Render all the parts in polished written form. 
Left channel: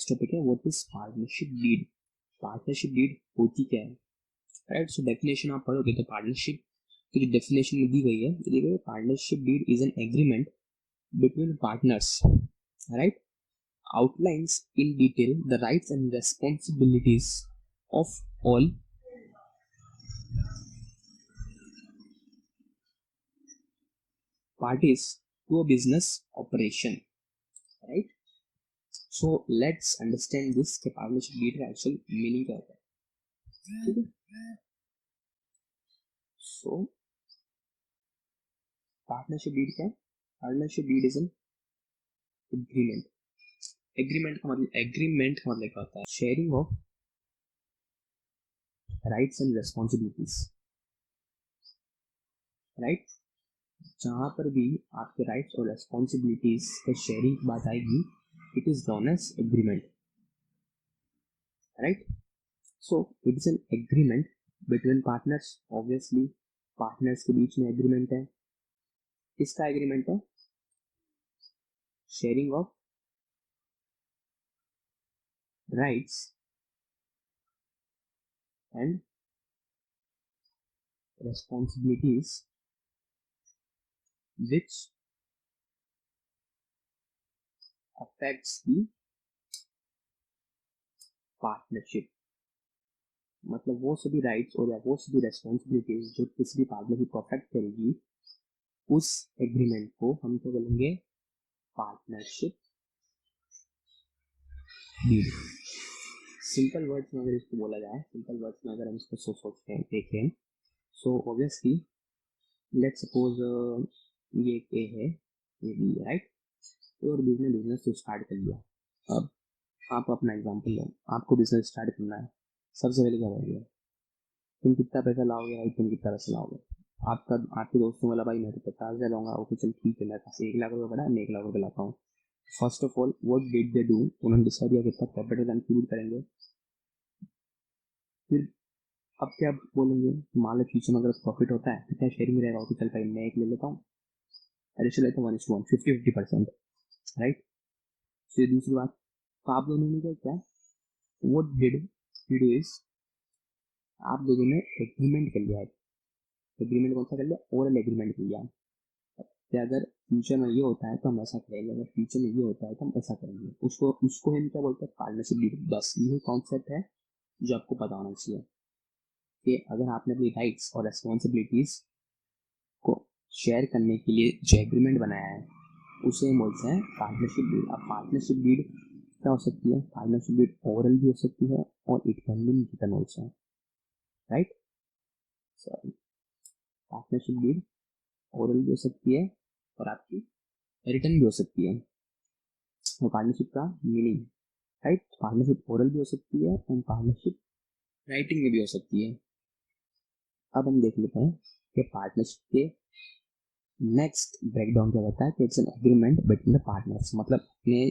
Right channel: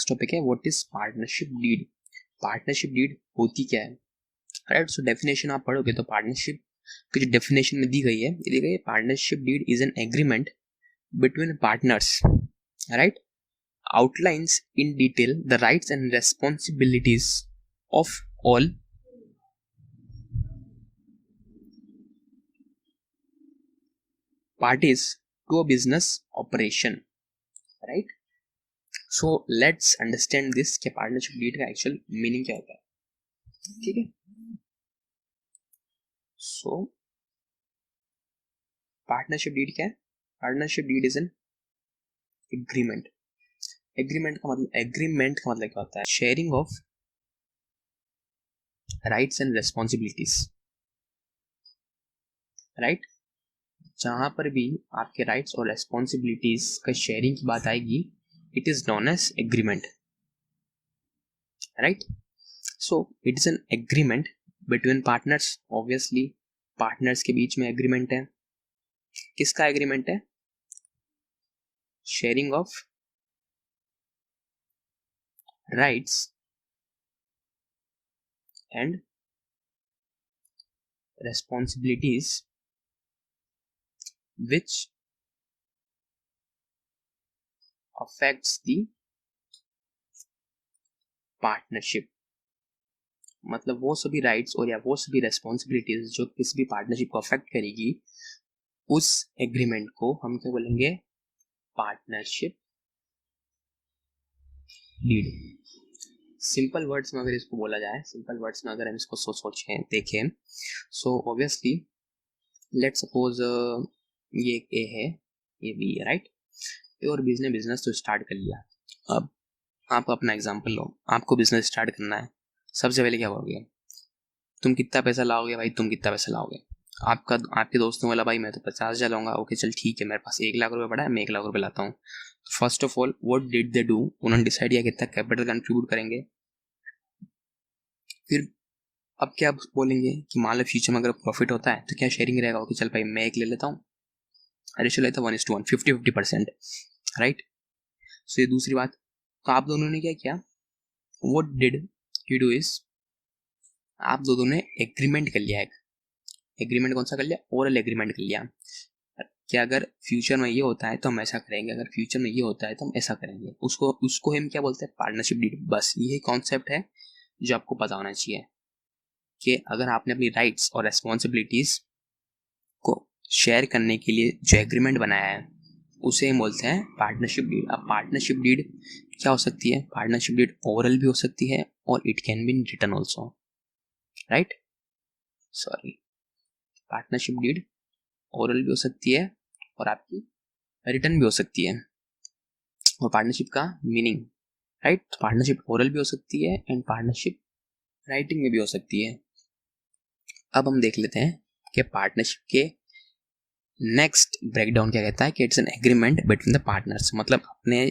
Next topic है what is partnership deed. Partnership deed होती क्या है, राइट। सो डेफिनेशन आप पढ़ोगे तो पार्टनरशिप की जो डेफिनेशन में दी गई है, ये दी गई है partnership deed is an agreement between partners, right, outlines in detail the rights and responsibilities of all parties to a business operation, right. So let's understand this कि partnership deed का actual meaning क्या होता है, ठीक है। So partnership deed क्या है? Partnership deed is an agreement। Agreement का मतलब क्या होता है? Sharing of rights and responsibilities, right. जहां पर भी आपके राइट्स और रेस्पॉन्सिबिलिटीज का शेयरिंग की बात आएगी, it is known as agreement, right. So it is an agreement between partners. Obviously partners के बीच में एग्रीमेंट है। किसका एग्रीमेंट है? Sharing of rights and responsibilities which affects the partnership। मतलब वो सभी राइट्स और या वो सभी रेस्पॉन्सिबिलिटीज जो किसी भी पार्टनरशिप को अफेक्ट करेगी, उस एग्रीमेंट को हम क्या बोलेंगे? Partnership deed. सिंपल वर्ड्स में अगर इसको बोला जाए, सिंपल वर्ड्स में अगर हम इसको सोचें देखें, सो ऑब्वियसली लेट सपोज ये ए है, ये बी है, राइट। ए और बी ने बिजनेस तो स्टार्ट कर लिया। अब आप अपना एग्जांपल लो, आपको बिजनेस स्टार्ट करना है। सबसे पहले क्या करोगे? तुम कितना पैसा लाओगे भाई? तुम कितना पैसा लाओगे? आपके दोस्तों वाला, भाई मैं तो 50,000 लाऊंगा। ओके चल ठीक है, मेरे पास 1 लाख रुपए पड़ा है, मैं 1 लाख रुपए लाता हूँ। First of all what did they do? उन्होंने डिसाइड किया कितना कैपिटल कंट्रीब्यूट करेंगे। फिर अब क्या बोलेंगे कि मान लो फ्यूचर में अगर प्रॉफिट होता है तो क्या शेयरिंग रहेगा? ओके चल भाई मैं एक ले लेता हूँ, रेशियो लेता 1:1, 50-50%, राइट। सो ये दूसरी बात। तो आप दोनों ने क्या किया? What did you do is, आप दोनों ने एग्रीमेंट कर लिया। एक एग्रीमेंट कौन सा कर लिया? ओरल एग्रीमेंट कर लिया कि अगर फ्यूचर में ये होता है तो हम ऐसा करेंगे, अगर फ्यूचर में ये होता है तो हम ऐसा करेंगे। उसको उसको हम क्या बोलते हैं? Partnership deed. बस यही कॉन्सेप्ट है जो आपको पता होना चाहिए कि अगर आपने अपनी राइट्स और रेस्पॉन्सिबिलिटीज को शेयर करने के लिए जो एग्रीमेंट बनाया है, उसे हम बोलते हैं पार्टनरशिप डीड। अब पार्टनरशिप डीड क्या हो सकती है? पार्टनरशिप डीड ओरल भी हो सकती है और it can be in written also, right. Sorry, partnership deed oral भी हो सकती है और आपकी रिटर्न भी हो सकती है। और पार्टनरशिप का मीनिंग, राइट, पार्टनरशिप ओरल भी हो सकती है एंड पार्टनरशिप राइटिंग में भी हो सकती है। अब हम देख लेते हैं कि पार्टनरशिप के नेक्स्ट ब्रेकडाउन क्या कहता है कि it's an agreement between the partners. मतलब अपने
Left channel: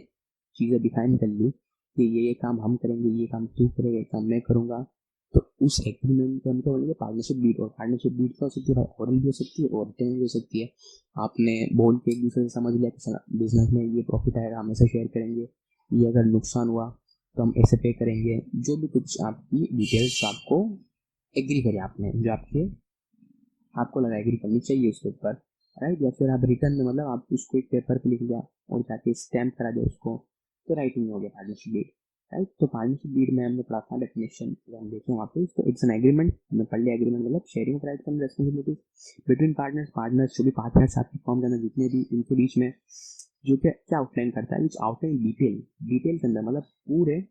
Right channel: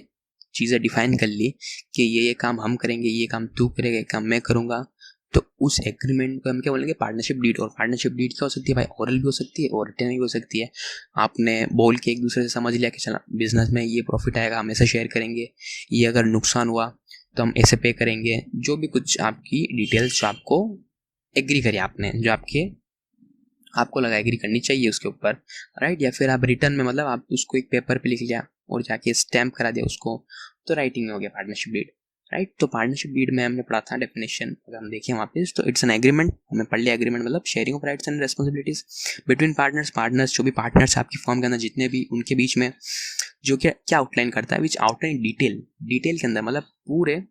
चीज़ें डिफाइन कर ली कि ये काम हम करेंगे, ये काम तू करेगा, ये काम मैं करूँगा, तो उस एग्रीमेंट को हम क्या बोलेंगे? Partnership deed. और पार्टनरशिप डीड क्या हो सकती है भाई? ओरल भी हो सकती है और रिटर्न भी हो सकती है। आपने बोल के एक दूसरे से समझ लिया कि चला बिजनेस में ये प्रॉफिट आएगा हम ऐसे शेयर करेंगे, ये अगर नुकसान हुआ तो हम ऐसे पे करेंगे। जो भी कुछ आपकी डिटेल्स जो आपको एग्री करिए आपने, जो आपको लगा एग्री करनी चाहिए उसके ऊपर, राइट। या फिर आप रिटर्न में मतलब आप उसको एक पेपर पे लिख लिया और जाके स्टैम्प करा दिया उसको, तो राइटिंग में हो गया पार्टनरशिप डीड, राइट। तो पार्टनरशिप डीड में हमने पढ़ा था डेफिनेशन, अगर हम देखें वहाँ पे तो इट्स एन एग्रीमेंट, हमने पढ़ लिया एग्रीमेंट मतलब sharing of rights and responsibilities between partners. Partners जो भी पार्टनर्स आपकी फर्म के अंदर जितने भी, उनके बीच में जो क्या आउटलाइन करता है? विच आउटलाइन डिटेल, डिटेल के अंदर मतलब पूरे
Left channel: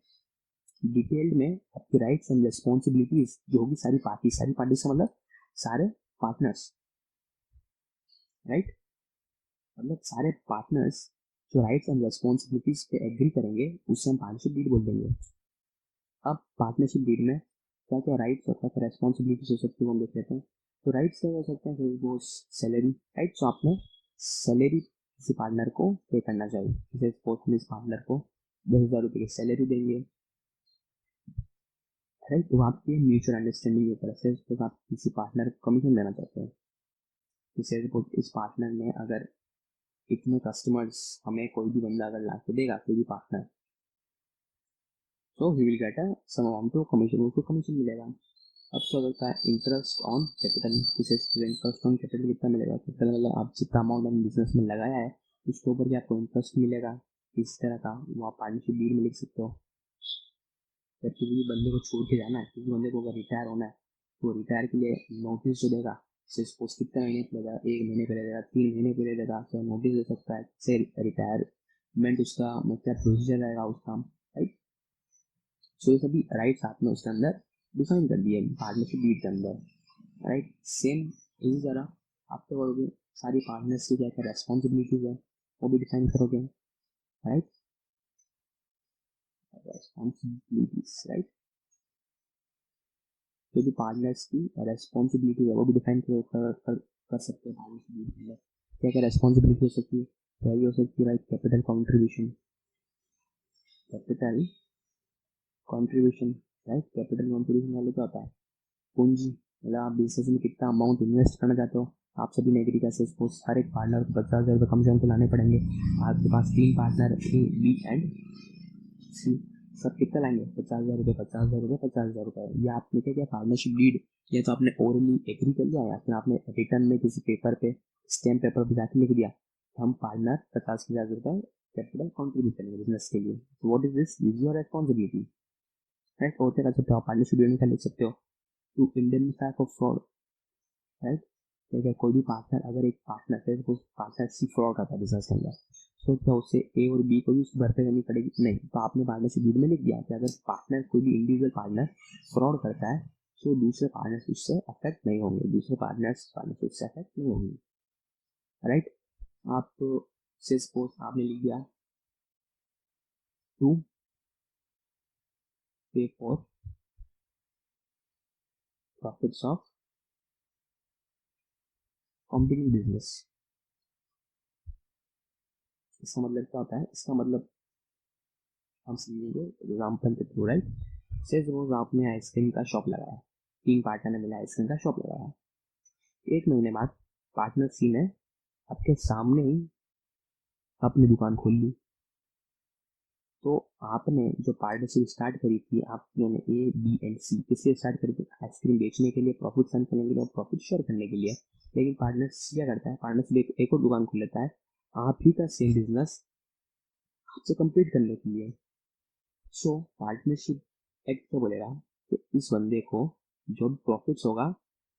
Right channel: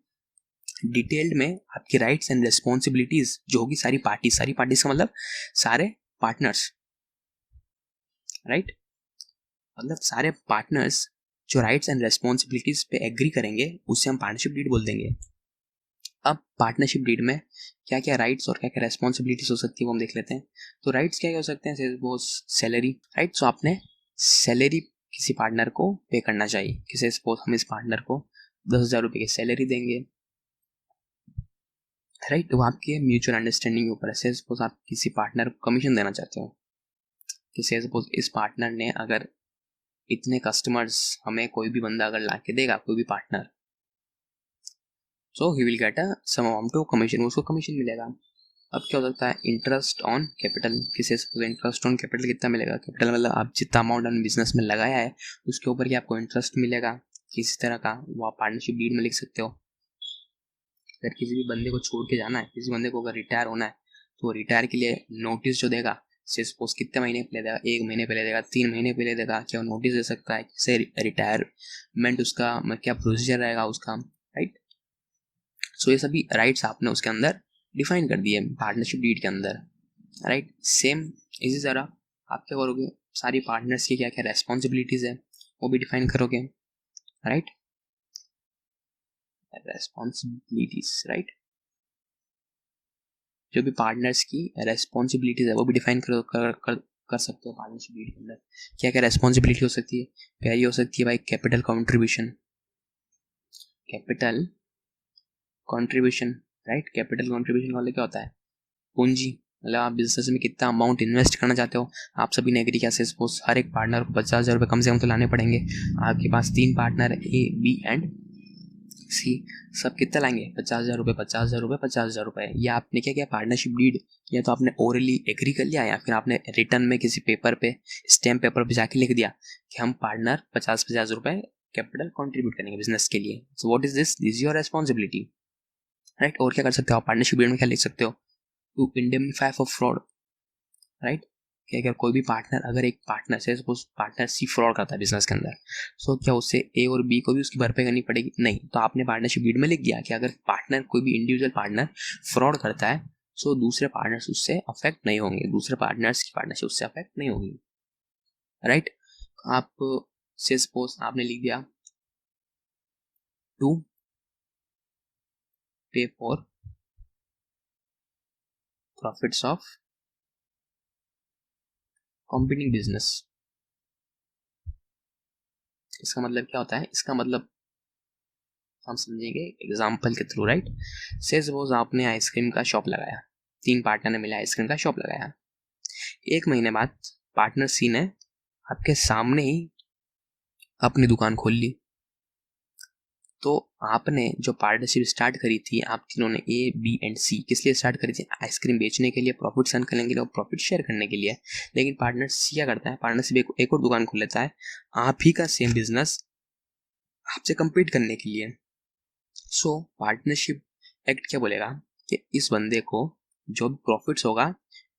डिटेल्ड में आपकी राइट्स एंड रेस्पॉन्सिबिलिटीज जो होगी सारी पार्टीज का मतलब सारे पार्टनर्स, राइट। मतलब सारे पार्टनर्स जो राइट्स एंड रेस्पॉन्सिबिलिटीज पे एग्री करेंगे उसे हम पार्टनरशिप डीड बोल देंगे। अब पार्टनरशिप डीड में क्या क्या राइट्स और क्या क्या रेस्पॉन्सिबिलिटीज हो सकती है वो हम देख लेते हैं। तो राइट्स क्या क्या हो सकते हैं? वो सैलरी, राइट। सो आपने सैलरी किसी पार्टनर को पे करना चाहिए। किसी सपोज हम इस पार्टनर को 10,000 रुपये की सैलरी देंगे, राइट। वो आपके म्यूचुअल अंडरस्टैंडिंग के ऊपर है। सपोज आप किसी पार्टनर को कमीशन देना चाहते हो कि सपोज इस पार्टनर ने अगर इतने कस्टमर्स हमें कोई भी बंदा अगर ला के देगा, कोई भी partner, so he will get a some amount of commission, उसको कमीशन मिलेगा। अब क्या हो सकता है, इंटरेस्ट ऑन कैपिटल, किसी से इंटरेस्ट ऑन कैपिटल कितना मिलेगा, कैपिटल मतलब आप जितना अमाउंट आपने बिजनेस में लगाया है उसके ऊपर ही आपको इंटरेस्ट मिलेगा किसी तरह का, वो आप पार्टनरशिप डीड में लिख सकते हो। अगर किसी भी बंदे को छोड़ के जाना है, किसी बंदे को अगर रिटायर होना है, तो रिटायर के लिए नोटिस जो देगा, से सपोज कितने महीने पहले देगा, 1 महीने पहले देगा, 3 महीने पहले देगा, क्या नोटिस दे सकता है, कैसे रिटायरमेंट उसका क्या प्रोसीजर रहेगा उसका, राइट। सो ये सभी राइट्स आपने उसके अंदर डिफाइन कर दिए पार्टनरशिप डीड के अंदर, राइट। सेम इसी तरह आप क्या करोगे, सारी पार्टनर्स की क्या क्या रेस्पॉन्सिबिलिटीज है वो भी डिफाइन करोगे, राइट, रेस्पॉन्सिबिलिटीज, राइट। जो भी पार्टनर्स की रेस्पॉन्सिबिलिटीज है वो भी डिफाइन कर सकते हो पार्टनरशिप डीड के अंदर। क्या क्या रेस्पॉन्सिबिलिटी हो सकती है, पहली हो सकती है भाई capital contribution, capital contribution, right. Capital contribution वाले क्या होता है, पूंजी, मतलब आप बिजनेस में कितना अमाउंट इन्वेस्ट करना चाहते हो। आप सभी ने एग्री किया, सपोज हर एक पार्टनर को 50,000 रुपये कम से कम तो लाने पड़ेंगे। आपके पास 3 पार्टनर ए बी एंड सी, सब कितना लाएंगे, 50,000 रुपये, 50,000 रुपये, 50,000 रुपये। या आपने क्या किया, पार्टनरशिप डीड या तो आपने ओरली एग्री कर लिया या फिर आपने रिटर्न में किसी पेपर पे, स्टैम्प पेपर पे जाके लिख दिया कि हम पार्टनर 50,000 रुपये कैपिटल कंट्रीब्यूट करेंगे बिजनेस के लिए। So what is this your responsibility, right. और क्या कर सकते हो आप पार्टनरशिप डीड में, क्या लिख सकते हो, to indemnify for fraud, right. कि अगर कोई भी पार्टनर, अगर एक पार्टनर से सपोज पार्टनर सी फ्रॉड करता है बिजनेस के अंदर, सो क्या उससे ए और बी को भी उसकी भरपाई करनी पड़ेगी, नहीं। तो आपने पार्टनरशिप डीड में लिख दिया कि अगर पार्टनर, कोई भी इंडिविजुअल पार्टनर फ्रॉड करता है, सो दूसरे पार्टनर्स उससे अफेक्ट नहीं होंगे, दूसरे पार्टनर्स की पार्टनरशिप उससे अफेक्ट नहीं होगी, राइट। आप से सपोज आपने लिख दिया टू पे for profits of competing business. इसका मतलब क्या होता है, इसका मतलब हम समझेंगे एग्जाम्पल के थ्रू, राइट। से सपोज आपने आइसक्रीम का शॉप लगाया, 3 पार्टनर ने मिला आइसक्रीम का शॉप लगाया। 1 महीने बाद पार्टनर सी ने आपके सामने ही अपनी दुकान खोल ली। तो आपने जो पार्टनरशिप स्टार्ट करी थी, आप तीनों ने ए बी एंड सी किस लिए स्टार्ट करी थी, आइसक्रीम बेचने के लिए, प्रॉफिट अर्न करने के लिए और प्रॉफिट शेयर करने के लिए। लेकिन पार्टनर सी क्या करता है, पार्टनरशिप एक और दुकान खोल लेता है आप ही का सेम बिजनेस आपसे compete करने के लिए। सो पार्टनरशिप एक्ट क्या बोलेगा कि इस बंदे को जो भी प्रॉफिट्स होगा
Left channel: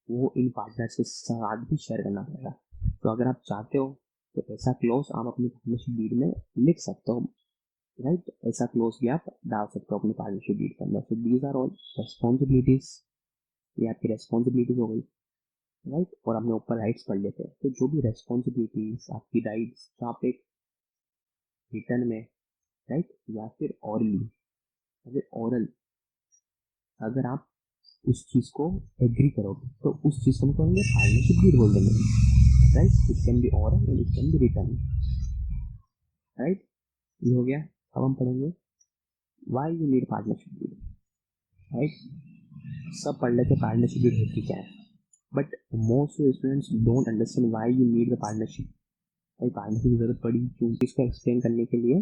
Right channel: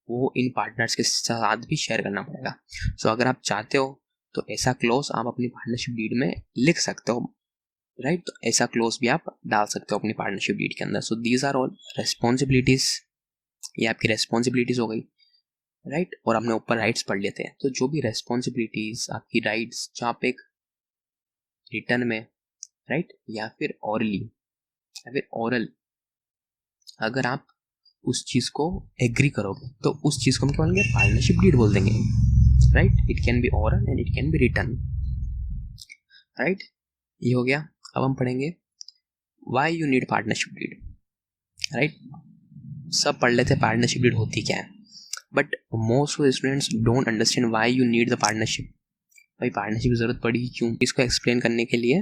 वो इन पार्टनर्स के साथ भी शेयर करना पड़ेगा। सो अगर आप चाहते हो तो ऐसा क्लोज आप अपनी पार्टनरशिप डीड में लिख सकते हो, राइट। तो ऐसा क्लोज भी आप डाल सकते हो अपनी पार्टनरशिप डीड के अंदर। So these are all responsibilities, ये आपकी रेस्पॉन्सिबिलिटीज हो गई, राइट। और हमने ऊपर राइट्स पढ़ लेते हैं। तो जो भी रेस्पॉन्सिबिलिटीज आपकी राइट्स जो आप एक रिटर्न में, राइट, या फिर ऑरली या फिर ओरल, अगर आप उस चीज को एग्री करोगे तो उस चीज को हम क्या बोलेंगे, पार्टनरशिप डीड बोल देंगे, right. It can be oral and it can be written, right. ये हो गया। अब हम पढ़ेंगे why you need partnership deed, right. सब पढ़ लेते हैं पार्टनरशिप डीड होती क्या है, but most of students don't understand why you need the partnership. भाई पार्टनरशिप की जरूरत पड़ी क्यों, इसको एक्सप्लेन करने के लिए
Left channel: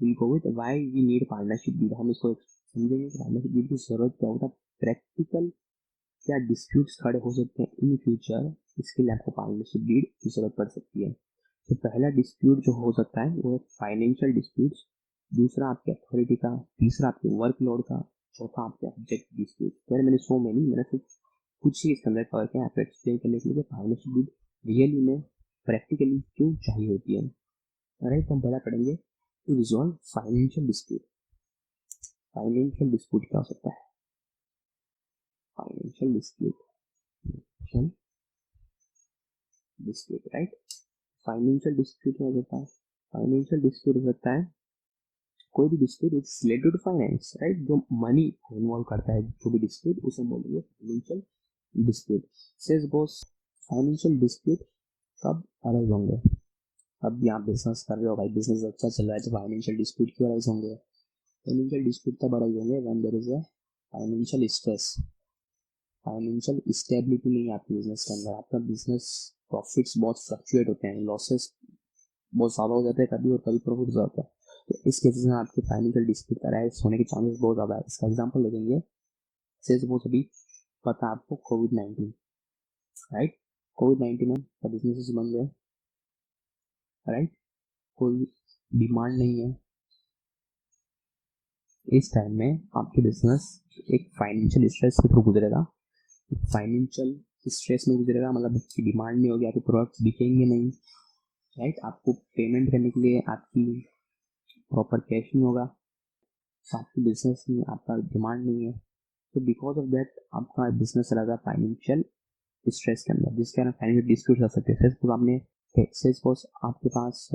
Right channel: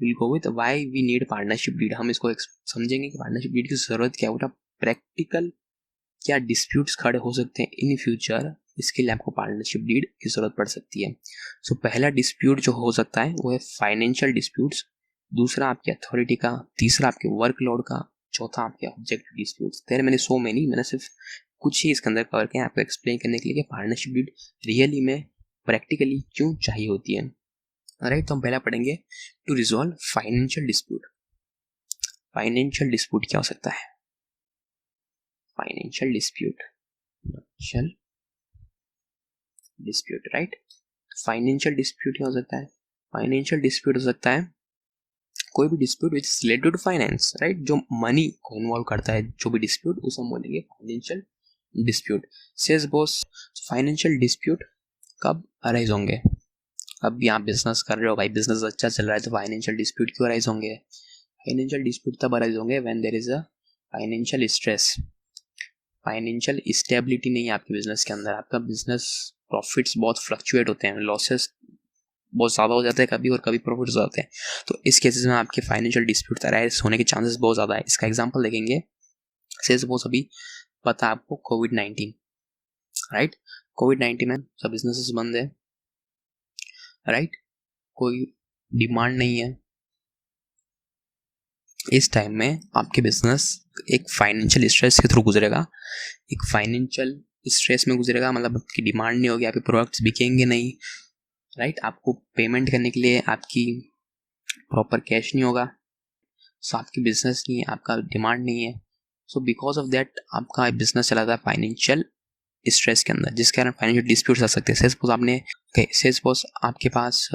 will go with why we need partnership deed. हम इसको समझेंगे कि पार्टनरशिप डीड की जरूरत क्या है, प्रैक्टिकल क्या डिस्प्यूट्स खड़े हो सकते हैं इन फ्यूचर, इसके लिए आपको पार्टनरशिप डीड की जरूरत पड़ सकती है। सो पहला डिस्प्यूट जो हो सकता है वो है फाइनेंशियल डिस्प्यूट्स, दूसरा आपकी अथॉरिटी का, तीसरा आपके वर्कलोड का, चौथा आपके ऑब्जेक्टिव डिस्प्यूट्स। देयर मैंने सो मेनी, मैंने सिर्फ कुछ ही इसके अंदर कवर किया आपको एक्सप्लेन करने के लिए कि पार्टनरशिप डीड रियली में प्रैक्टिकली क्यों चाहिए होती है, राइट। तो हम पहला पढ़ेंगे to resolve financial dispute. Financial dispute क्या हो सकता है, financial dispute, financial dispute, right. Financial dispute क्या हो सकता है, फाइनेंशियल डिस्प्यूट हो सकता है कोई भी dispute which is related to finance, right, जो मनी को इन्वॉल्व करता है, जो भी डिस्प्यूट उसे हम बोलेंगे financial dispute. Says boss, financial dispute कब अराइज होंगे, अब भी आप बिजनेस कर रहे हो भाई, बिजनेस अच्छा चल रहा है, तो फाइनेंशियल डिस्प्यूट क्यों अराइज होंगे, फाइनेंशियल डिस्प्यूट तब अराइज होंगे when there is a financial stress, financial stability नहीं है आपके बिजनेस के अंदर, आपका बिजनेस प्रॉफिट्स बहुत फ्लक्चुएट होते हैं, लॉसेस बहुत ज़्यादा हो जाता है कभी, और कभी प्रॉफिट हो जाते हैं। तो इस केसेस में आपके फाइनेंशियल डिस्प्यूट अराइज होने के चांसेस बहुत ज़्यादा है। इसका एग्जांपल देखेंगे, से सपोज अभी पता है आपको कोविड-19, राइट? कोविड-19 में सब बिजनेसेस बंद है, राइट? कोई डिमांड नहीं है। इस टाइम में आपके बिजनेस एक फाइनेंशियल स्ट्रेस के थ्रू गुजरेगा, एक फाइनेंशियल स्ट्रेस में गुजरेगा, मतलब आपकी डिमांड नहीं होगी, आपके प्रोडक्ट्स बिकेंगे नहीं, राइट? आपको पेमेंट करने के लिए आपकी प्रॉपर कैश नहीं होगा, सो आपकी बिजनेस नहीं है, आपका डिमांड नहीं है, सो बिकॉज ऑफ दैट आपका बिजनेस चला था फाइनेंशियल स्ट्रेस के अंदर, जिस कारण फाइनेंशियल डिस्प्यूट्स आ सकते हैं। सपोज आपने सपोज आपके पास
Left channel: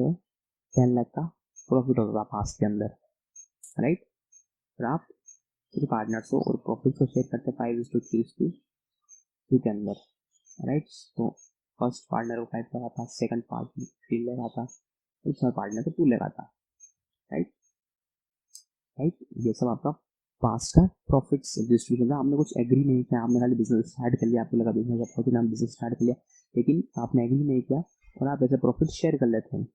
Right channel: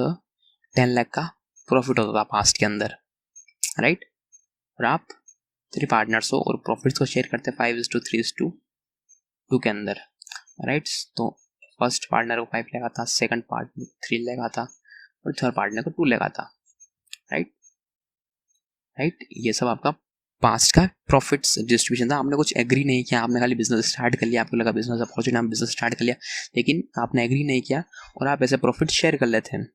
10 लाख का प्रॉफिट होता था पास्ट के अंदर, राइट? और आप 3 पार्टनर्स हो और प्रॉफिट्स को शेयर करते हैं 5:3:2 के अंदर, राइट? तो फर्स्ट पार्टनर को 5 लगा था, सेकंड पार्टनर 3 लगा था, और थर्ड पार्टनर को 2 लगा था, राइट? राइट, ये सब आपका पास्ट का प्रॉफिट्स डिस्ट्रीब्यूशन था। आपने कुछ एग्री नहीं किया, आपने खाली बिजनेस स्टार्ट कर लिया, आपको लगा बिजनेस अपॉर्चुनिटी, आप बिजनेस स्टार्ट कर लिया, लेकिन आपने एग्री नहीं किया और आप ऐसे प्रॉफिट शेयर कर लेते हैं।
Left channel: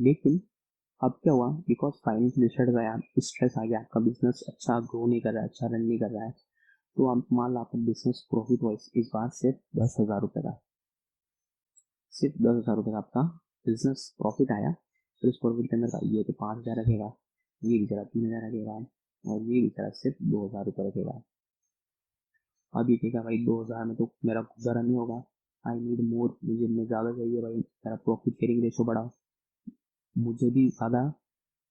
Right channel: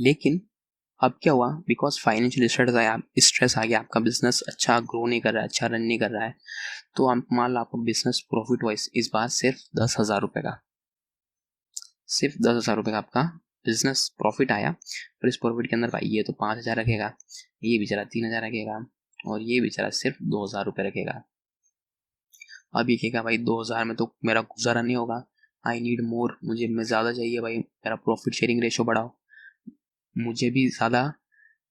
लेकिन अब क्या हुआ, बिकॉज फाइनेंशियल स्ट्रेस आ गया, आपका बिजनेस अच्छा ग्रो नहीं कर रहा है, अच्छा रन नहीं कर रहा है, तो आप मान लो आपको बिजनेस प्रॉफिट हुआ इस बार सिर्फ 10,000 रुपये का, सिर्फ 10,000 रुपये का आपका बिजनेस प्रॉफिट आया। और इस प्रॉफिट के अंदर भाई ये तो 5,000 रखेगा, ये बेचारा 3,000 रखेगा, और ये बेचारा सिर्फ 2,000 रुपये रखेगा। अब ये कहेगा भाई 2,000 में तो मेरा गुजारा नहीं होगा, आई नीड मोर, मुझे मैं ज़्यादा चाहिए भाई, मेरा प्रॉफिट शेयरिंग रेशो बढ़ाओ, मुझे भी ज़्यादा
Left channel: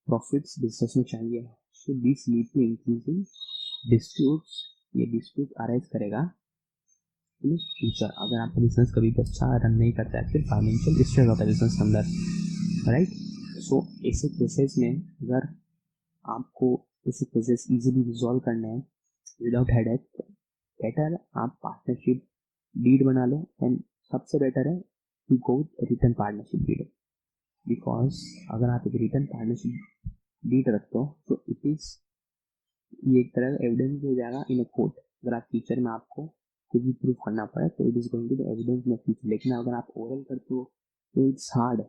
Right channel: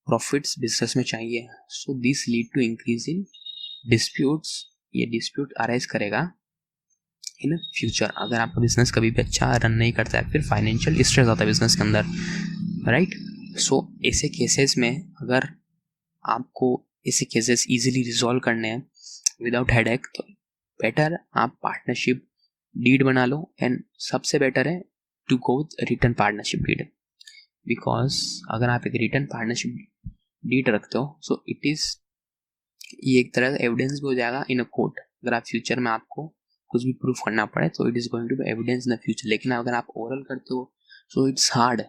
प्रॉफिट्स बिजनेस में चाहिए। So this lead to increase in disputes, ये डिस्प्यूट अराइज करेगा इन फ्यूचर, अगर आपका बिजनेस कभी भी अच्छा रन नहीं करता है, फिर फाइनेंशियल स्ट्रेस आता है बिजनेस के अंदर, राइट? सो ऐसे केसेस में अगर आपको ऐसे केसेस इजीली रिजॉल्व करने हैं विदाउट हेडेक, तो बेटर आप पार्टनरशिप डीड बना लो, एंड सबसे बेटर है to go written partnership deed, because अगर आप एक रिटर्न पार्टनरशिप डीड रखते हो, सो इट इज़, ये एक तरह का एविडेंस भी हो जाएगा इन अ कोर्ट। अगर आप फ्यूचर में आपको कुछ भी प्रूफ करना पड़े तो it is going to be evidence in the future. लेकिन अगर आप ओरल करते हो सो इट्स हार्ड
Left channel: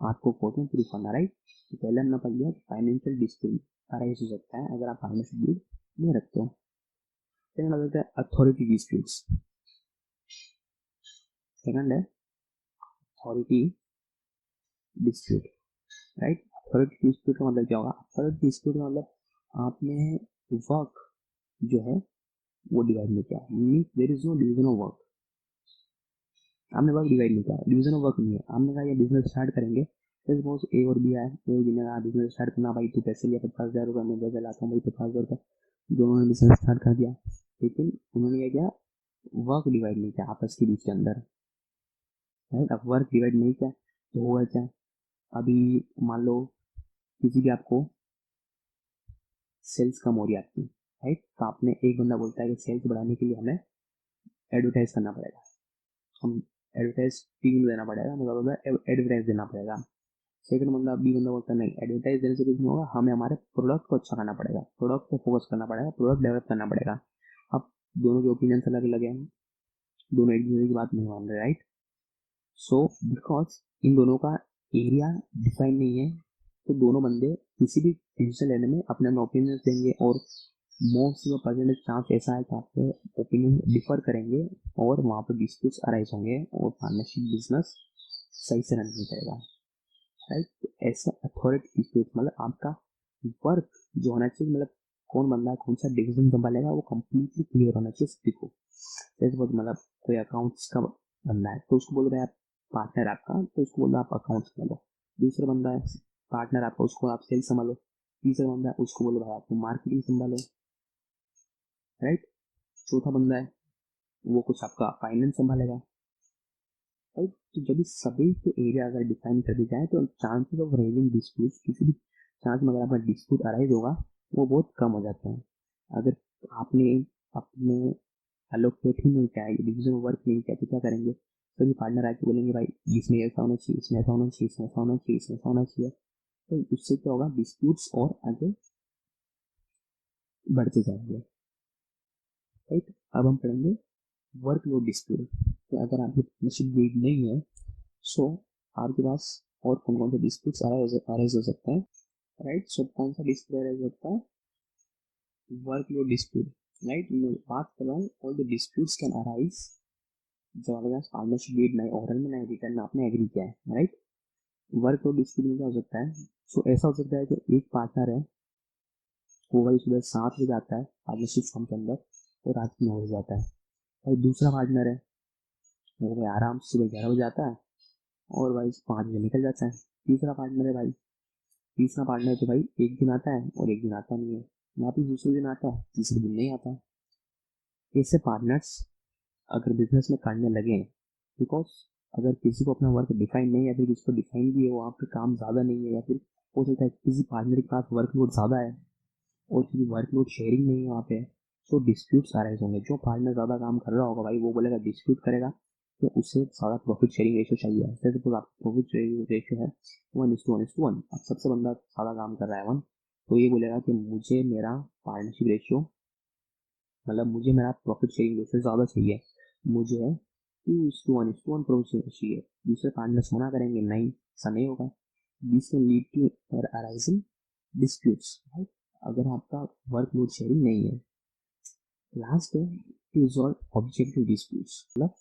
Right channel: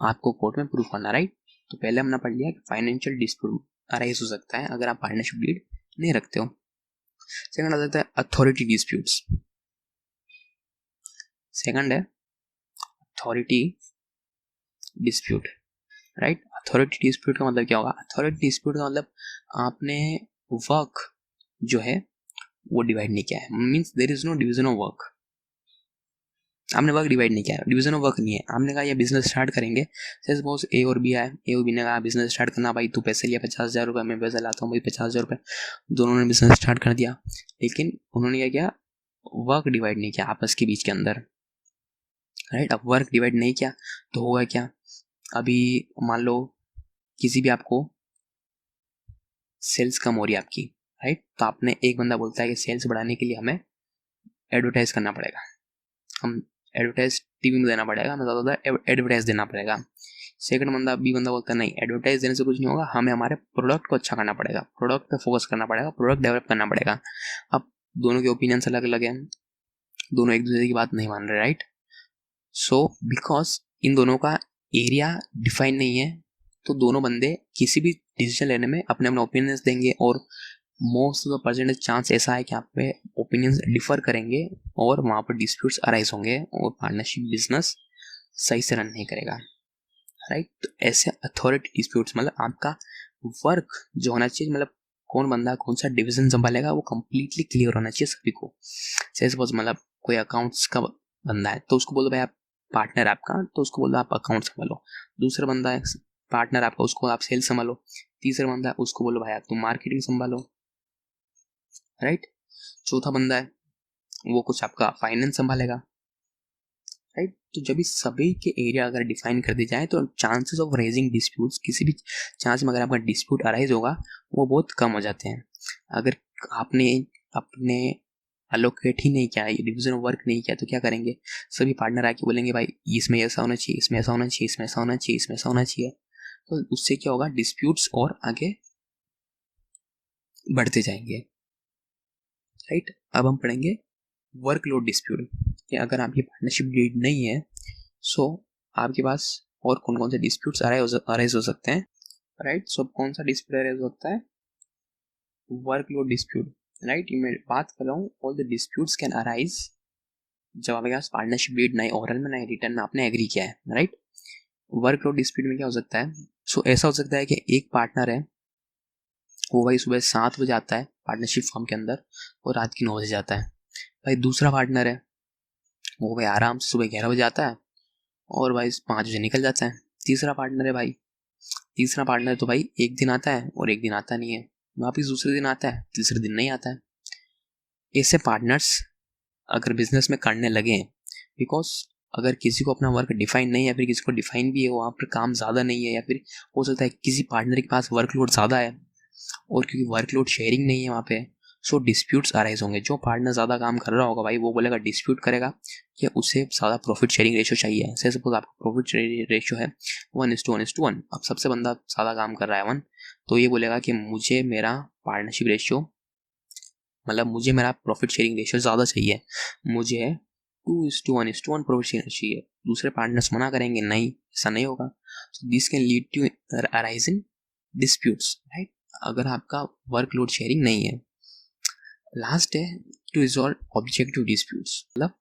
आपको कोर्ट में प्रूफ करना, राइट? तो पहले हमने पढ़ लिया कि फाइनेंशियल डिस्प्यूट अराइज हो सकता है अगर आप पार्टनरशिप डीड नहीं रखते हो। सेकंड आ जाता है अथॉरिटी डिस्प्यूट्स। सेकंड है authority dispute, right? Authority dispute का मतलब क्या होगा? अथॉरिटी डिस्प्यूट का मतलब आपने वर्क जो है वो डिवाइड नहीं किया है, means there is no division of work. आपने वर्क डिवाइड नहीं किया है, डिवीजन ऑफ वर्क नहीं है। आपने कहा ये बिजनेस स्टार्ट करेंगे, सपोज ए और बी आए, ए और बी ने कहा बिजनेस स्टार्ट करना, भाई तू पैसे लिया 50,000 रुपये, मैं पैसे लाता हूँ भाई 50,000 रुपये, दोनों ने बिजनेस स्टार्ट कर दिया, लेकिन उन्होंने क्या किया, वर्क डिवाइड नहीं किया आपस के बीच के अंदर, राइट? अब वर्क डिवाइड नहीं किया तो होगा क्या, अभी मान लो किसी भी आपको सेल्स कम हो रही है आपकी, राइट? तो आपने एक बंदा बोलता है कि सेल्स बढ़ाने के लिए हमें एडवर्टाइज करना पड़ेगा, हम एडवर्टाइज टीवी में देना पड़ेगा, हमें ज़्यादा एडवर्टाइज देना पड़ेगा। सेकंड बंदा बी बंदा बोलता है नहीं, एडवर्टाइज देने से कुछ नहीं होगा, हमें हमारे प्रोडक्ट को अच्छा करना पड़ेगा, प्रोडक्ट पे फोकस करना पड़ेगा, प्रोडक्ट डेवलप करना पड़ेगा। अब दोनों के ओपिनियंस अलग अलग हैं, दोनों एक दूसरे की बात नहीं मान रहे, राइट? सो बिकॉज इन दोनों का एरिया डिफाइन नहीं है, तो दोनों बंदे किसी भी डिसीजन लेने में अपने अपने ओपिनियंस देंगे, और most of the percentage chance ऐसा है कि आप पे ओपिनियंस डिफर करेंगे और वहाँ पर डिस्प्यूट्स अराइज होंगे और पार्टनरशिप बिजनेस सही से रन नहीं करेगा, राइट? तो ऐसे अथॉरिटी डिस्प्यूट्स मतलब आपका वर्क जो होना चाहिए, मतलब कौन बंदा कौन सा डिवीजन संभालेगा वो कंप्लीटली क्लियर होना चाहिए सभी को। जैसे सपोज मतलब कोई अकाउंट्स का बंदा है तो उसको बोलो भाई आप पार्टनर आपका, तो उसको बोलो आप अकाउंट संभालो। दूसरा बंदा है पार्टनर आपका, उसको आप सेल्स संभालो। तीसरा बंदा है उसको बोलो भाई आप तुम मार्केटिंग संभालो, राइट? चौथा बंदा है वो कुछ आपका फाइनेंस संभालेगा, राइट? तो जब इस सभी के एरिया अगर डिफाइन कर दिए जाए तो चांसेस ऑफ रेजिंग डिस्प्यूट्स, किसी भी चांस में अगर आपका डिस्प्यूट अराइज होगा वो बहुत कम हो जाते हैं। अगर आपने अपने अलोकेट ही नहीं किया, ये डिवीजन ऑफ वर्क नहीं किया, तो क्या करेंगे, सभी पार्टनर आके बोलेंगे भाई इसमें ऐसा होना चाहिए, इसमें ऐसा होना चाहिए, इसमें ऐसा होना चाहिए, इसमें ऐसा होना चाहिए, तो उससे क्या होगा, डिस्प्यूट्स और आगे बढ़ते जाएंगे, राइट? अब हम पढ़ेंगे वर्कलोड डिस्प्यूट, कि अगर आपकी पार्टनरशिप डीड नहीं है सो आपके पास और कौन कौन से डिस्प्यूट्स अराइज हो सकते हैं, राइट। सो कौन सा डिस्प्यूट अराइज होता है, वर्कलोड डिस्प्यूट, राइट। मैं बात कर रहा हूँ all the disputes can arise जब आपके पास पार्टनरशिप डीड ना ओरल में ना रिटर्न में आपने एग्री किया है, राइट। वर्कलोड डिस्प्यूट में क्या हो सकता है, सो ऐसा हो सकता है कि एक पार्टनर है, वो भाई सुबह 7 बजे आता है पार्टनरशिप फॉर्म के अंदर और रात के 9 बजे जाता है। भाई दूसरा पार्टनर है, वो भाई आराम से सुबह 11 बजे आता है और भाई 5 बजे निकल जाता है। तीसरा पार्टनर है भाई, तीसरा पार्टनर तो भाई एक दिन आता है और एक दिन आता नहीं है, वापिस दूसरे दिन आता है, तीसरे दिन नहीं आता है। ऐसे पार्टनर्स अगर बिजनेस में करने लगे, बिकॉज अगर किसी को अपना वर्क डिफाइन नहीं है, फिर किसी को डिफाइन भी है, वहाँ पर काम ज़्यादा नहीं है, या फिर हो सकता है किसी पार्टनर के पास वर्कलोड ज़्यादा है और क्योंकि वर्कलोड शेयरिंग नहीं है वहाँ पे, सो डिस्प्यूट्स अराइज होंगे। जो पार्टनर ज़्यादा काम कर रहा होगा भाई वो बोलेगा, डिस्प्यूट करेगा कि उसे ज़्यादा प्रॉफिट शेयरिंग रेशियो चाहिए। जैसे सपोज आपका प्रॉफिट शेयरिंग रेशियो है 1:1:1, अब सबसे बंदा ज़्यादा काम कर रहा है 1, तो ये बोलेगा कि मुझे मेरा पार्टनरशिप रेशियो, मतलब मुझे मेरा प्रॉफिट शेयरिंग रेशियो ज़्यादा चाहिए, मुझे 2:1:1 प्रॉफिट शेयरिंग चाहिए। दूसरे पार्टनर्स मना करेंगे, नहीं ऐसा नहीं होगा। So this can lead to arise in disputes, right, अगर आपका वर्कलोड शेयरिंग नहीं है। लास्ट है टू रिजॉल्व ऑब्जेक्टिव डिस्प्यूट्स, मतलब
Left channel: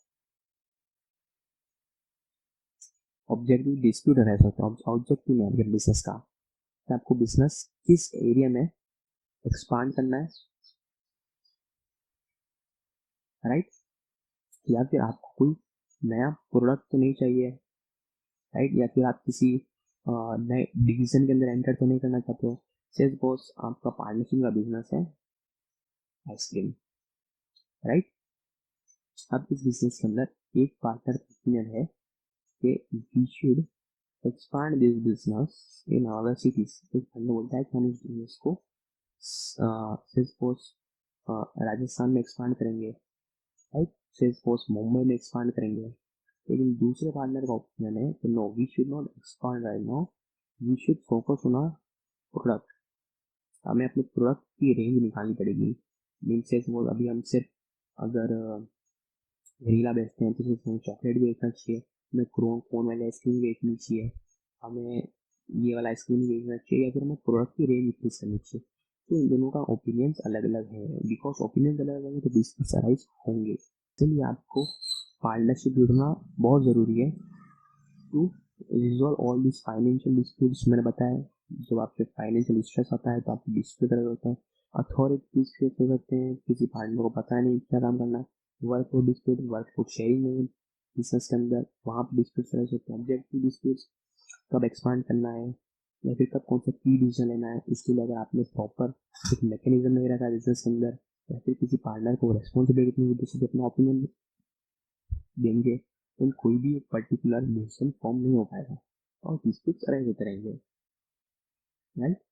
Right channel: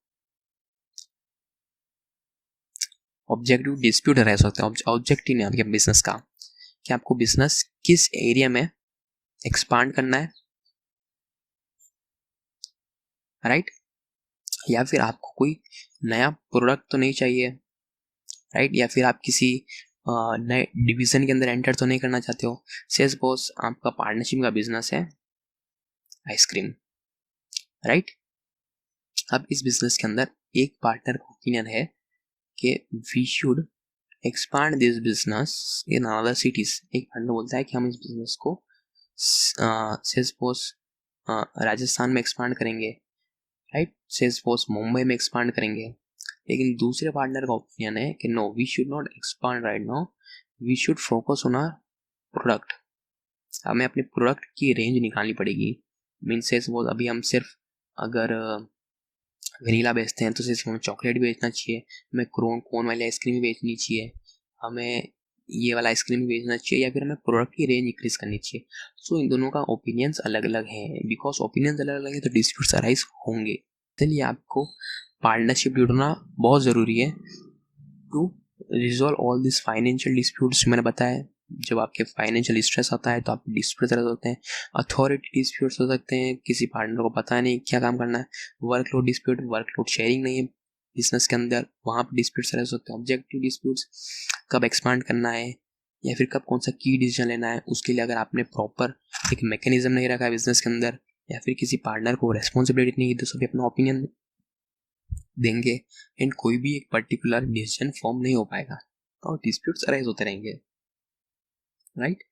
ऑब्जेक्टिव डिस्प्यूट रह सकते हैं। ऑब्जेक्टिव नहीं आपके बिजनेस का, कि आपको बिजनेस किस एरिया में एक्सपांड करना है, राइट, या फिर आपको कोई नया प्रोडक्ट तो नहीं चाहिए, राइट, या फिर आप किसी नए डिवीजन के अंदर एंटर तो नहीं करना चाहते हो। सेल्स बॉस, आपका पार्टनरशिप का बिजनेस है आइसक्रीम, राइट। अब इस बिजनेस के अंदर एक पार्टनर का ओपिनियन है कि we should expand this business in other cities. एक पार्टनर बोलता है कि हम इस बिजनेस को सेल्स बॉस राजस्थान में एक्सपांड करेंगे, राइट, सेल्स बॉस मुंबई में एक्सपांड करेंगे। लेकिन दूसरे पार्टनर का ओपिनियन है कि no, we should not expand right now, we should focus on our product. हमें अपने प्रोडक्ट की रेंज निकालनी पड़ेगी। मीन्स सेल्स बॉस, अभी हम सिर्फ अगर वनीला बेचते हैं तो सिर्फ हमें चॉकलेट बेचना चाहिए, हमें कोन वाली आइसक्रीम बेचनी चाहिए, हमें ये वाला आइसक्रीम बेचना चाहिए, या फिर हमें प्रोडक्ट की रेंज इंक्रीज करनी चाहिए। सो इन दोनों का ओपिनियंस अलग अलग है। बिकॉज ओपिनियंस अलग अलग है तो डिस्प्यूट्स अराइज होंगे। इसलिए आपको पार्टनरशिप जुड़ना बहुत ज़रूरी है to resolve all this financial disputes. मैंने बताया जब आपके फाइनेंशियल स्ट्रेस आता है तो आप डिस्प्यूट होते हैं। अथॉरिटी डिस्प्यूट्स हो सकते हैं, किसी पार्टनर को पता नहीं क्या काम करना है। वर्कलोड डिस्प्यूट, वर्कलोड शेयरिंग नहीं है बिजनेस के अंदर, वहाँ पर डिस्प्यूट्स रह सकते हैं। ऑब्जेक्टिव डिस्प्यूट्स, कब एक्सपांड करना है या फिर कब कौन सा की डिसीजन लेना है, उसके लिए अगर आपने प्रॉपर एक मैकेनिज्म नहीं रखा है बिजनेस के अंदर, या फिर किसी पार्टनर को रेस्पॉन्सिबिलिटी नहीं दी, तो सभी अपना ओपिनियन देंगे एंड कोई भी एक पर्टिकुलर डिसीजन फॉर्म नहीं हो पाएगा और डिस्प्यूट्स अराइज होते रहेंगे, राइट।